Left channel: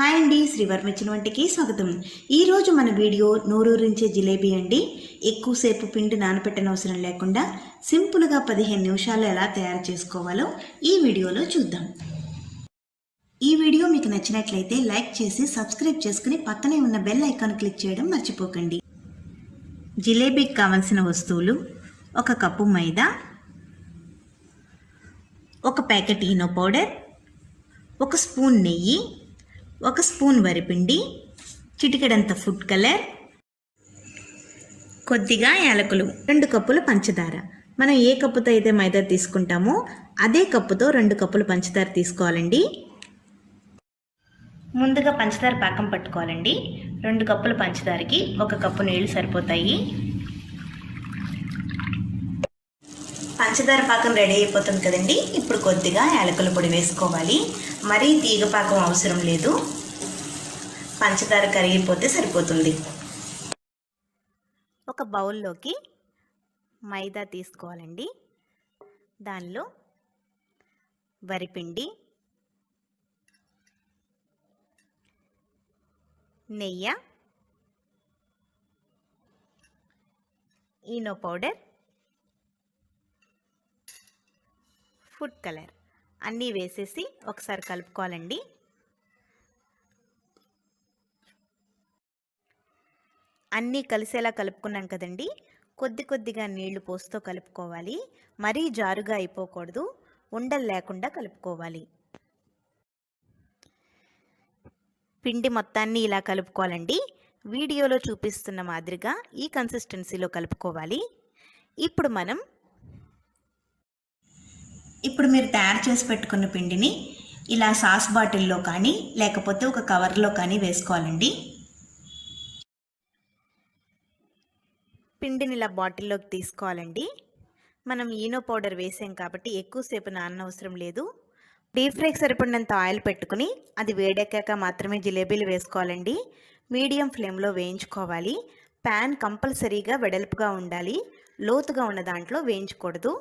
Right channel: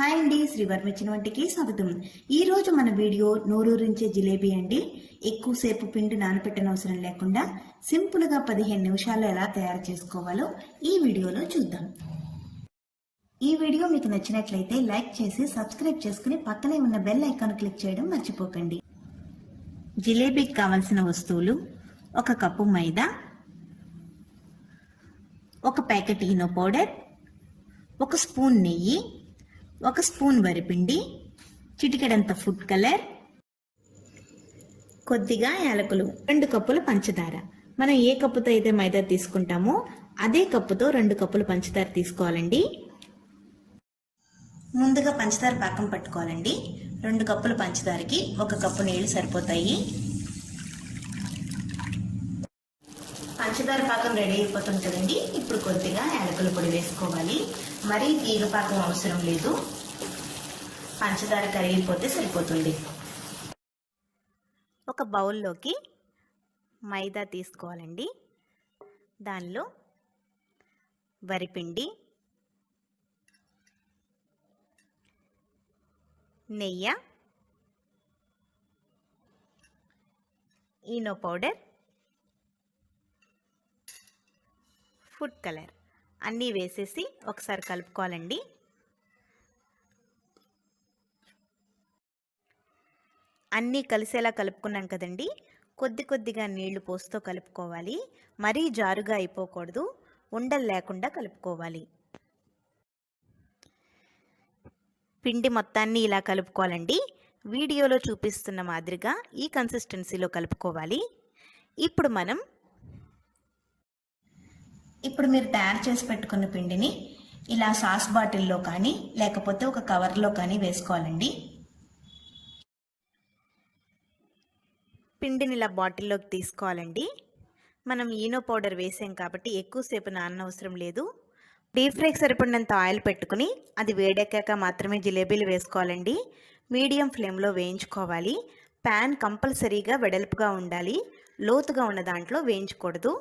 Hi అండి, శ్రీవర్మిచ్చిన వంటికి స్వాగతం. ఈరోజు మన వీడియో నోరూరించే జిలేబీ అండి. ఎక్కువసేపు పిండి నానపెట్టనవసరం లేకుండా సింపుల్గా 15 నిమిషాలు ఎలా తయారు చేసుకోవాలో ఈ వీడియోలో చూద్దాం. ఈ వీడియో మీకు నచ్చినట్లయితే లైక్ చేసి సబ్స్క్రైబ్ చేసుకుని పక్కనే ఉన్న బెల్ ఐకాన్ క్లిక్ చేయడం మర్చిపోకండి. జిలేబీకి కావలసిన వస్తువులు: 1 కప్పు మైదా, 1 ప్యాకెట్ ఈనో పౌడర్, 1 స్పూన్ నెయ్యి, 1 స్పూన్ వరిపిండి, చిటికెడంత ఫుడ్ కలర్, కొద్దిగా యాలకులు, 2 కప్పుల పంచదార. మనం ఏ కప్పుతో అయితే మైదా తీసుకుంటామో అదే కప్పుతో 2 కప్పులు పంచదార తీసుకోవాలండి. ముందుగా పంచదార పాకం పట్టుకోవాలండి. 2 కప్పుల పంచదారకి 1 కప్పు నీళ్లు సరిపోతాయి. పంచదార పాకం రెడీ అయిపోతుంది కదండి. ఇప్పుడు కొద్దిగా యాలకుల పొడి వేసుకోవాలి. మరీ తీగ పాకం అవసరం లేదు, పంచదార కరిగిపోతే సరిపోతుంది. ఒక బౌల్లోకి మైదా తీసుకోవాలండి. దానిలో వరిపిండి, నెయ్యి, ఈనో పౌడర్, ఫుడ్ కలర్ అన్నీ వేసేసి ఒకసారి కలుపుకోవాలండి. అన్నీ కలిసేలా కలుపుకున్నాం కదండి. కొద్దిగా నీళ్లు పోస్తూ కలుపుకోవాలి. మరీ జారుగా అయిపోకూడదు, ఉండలు లేకుండా కలుపుకోవాలి. పిండి మొత్తాన్ని ఇలా కలుపుకోవాలండి. వీడియోలో చూపిస్తున్న మాదిరిగా ఈ కన్సిస్టెన్సీలో కలుపుకోవాలి. ఇప్పుడు మీరు తయారు చేసి పెట్టుకున్న పిండిని ఇలా సాస్ బాటిల్లో కానీ లేకపోతే ఒక కవర్లో కానీ వేసుకోవాలండి. పిండిని ఇలా బాటిల్లోకి తీసుకోవాలండి. మనం ఈనో పౌడర్ వేసాం కాబట్టి ఎక్కువసేపు నాననవసరం లేదు. డీప్ ఫ్రైకి సరిపడినంత ఆయిల్ పెట్టుకుని అది వేడెక్కాక మాత్రమే జిలేబీలు వేసుకోవాలండి. మీడియం ఫ్లేమ్లో వేయించుకోవాలి. ప్యాన్ కంపల్సరీగా వెడల్పుగా ఉండాలి, లోతుగా ఉన్న దాంట్లో వేయించకూడదు.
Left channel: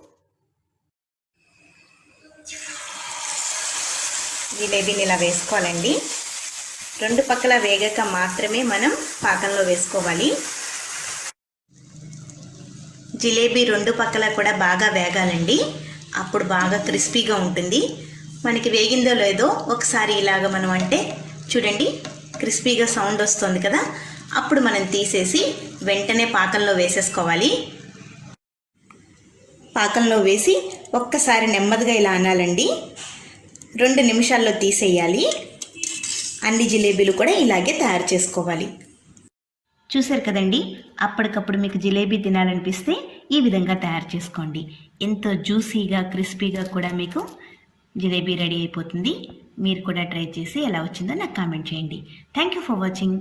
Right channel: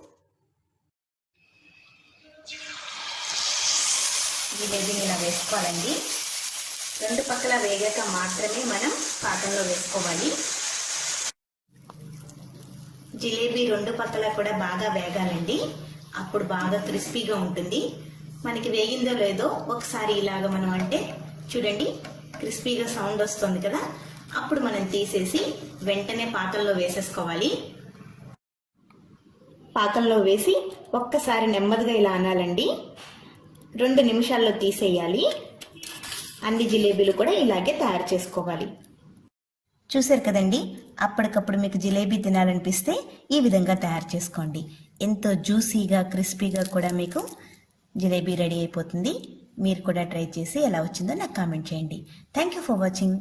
జిలేబీని ఇలా వేసుకోవాలండి. 2 పక్కల వేగాక మాత్రమే మనం పాకంలో వేసుకోవాలి. జిలేబీ 2 పక్కల కూడా బాగా వేగాలండి. అప్పుడు బాగా క్రిస్పీగా ఉంటుంది. మనకి వేగిందో లేదో ఒకసారి ఇలాగ మనం అంటే చూడండి, క్రిస్పీగా సౌండ్ వస్తుంది కదా. అప్పుడు మనం తీసేసి వెంటనే పాకంలో వేసేసుకోవాలి. పాకంలో వేసి ఒక్కసారి నెమ్మదిగా ఇలా అనాలండి. 2 నిమిషాల్లో తీసేయాలి. అన్ని జిలేబీలు కూడా ఇలాగే తయారు చేసుకోవాలి. చూసారు కదండి, అప్పటికప్పుడు మీకు జిలేబీ తినాలనిపిస్తే ఈ విధంగా తయారు చేసుకోండి. ఎంతో జ్యూసీగా క్రిస్పీగా కూడా మీకు జిలేబీ రెడీ అయిపోతుంది. మీరు కూడా ట్రై చేసి ఎలా వచ్చిందో నాకు కామెంట్ చేయండి. Thank you for watching.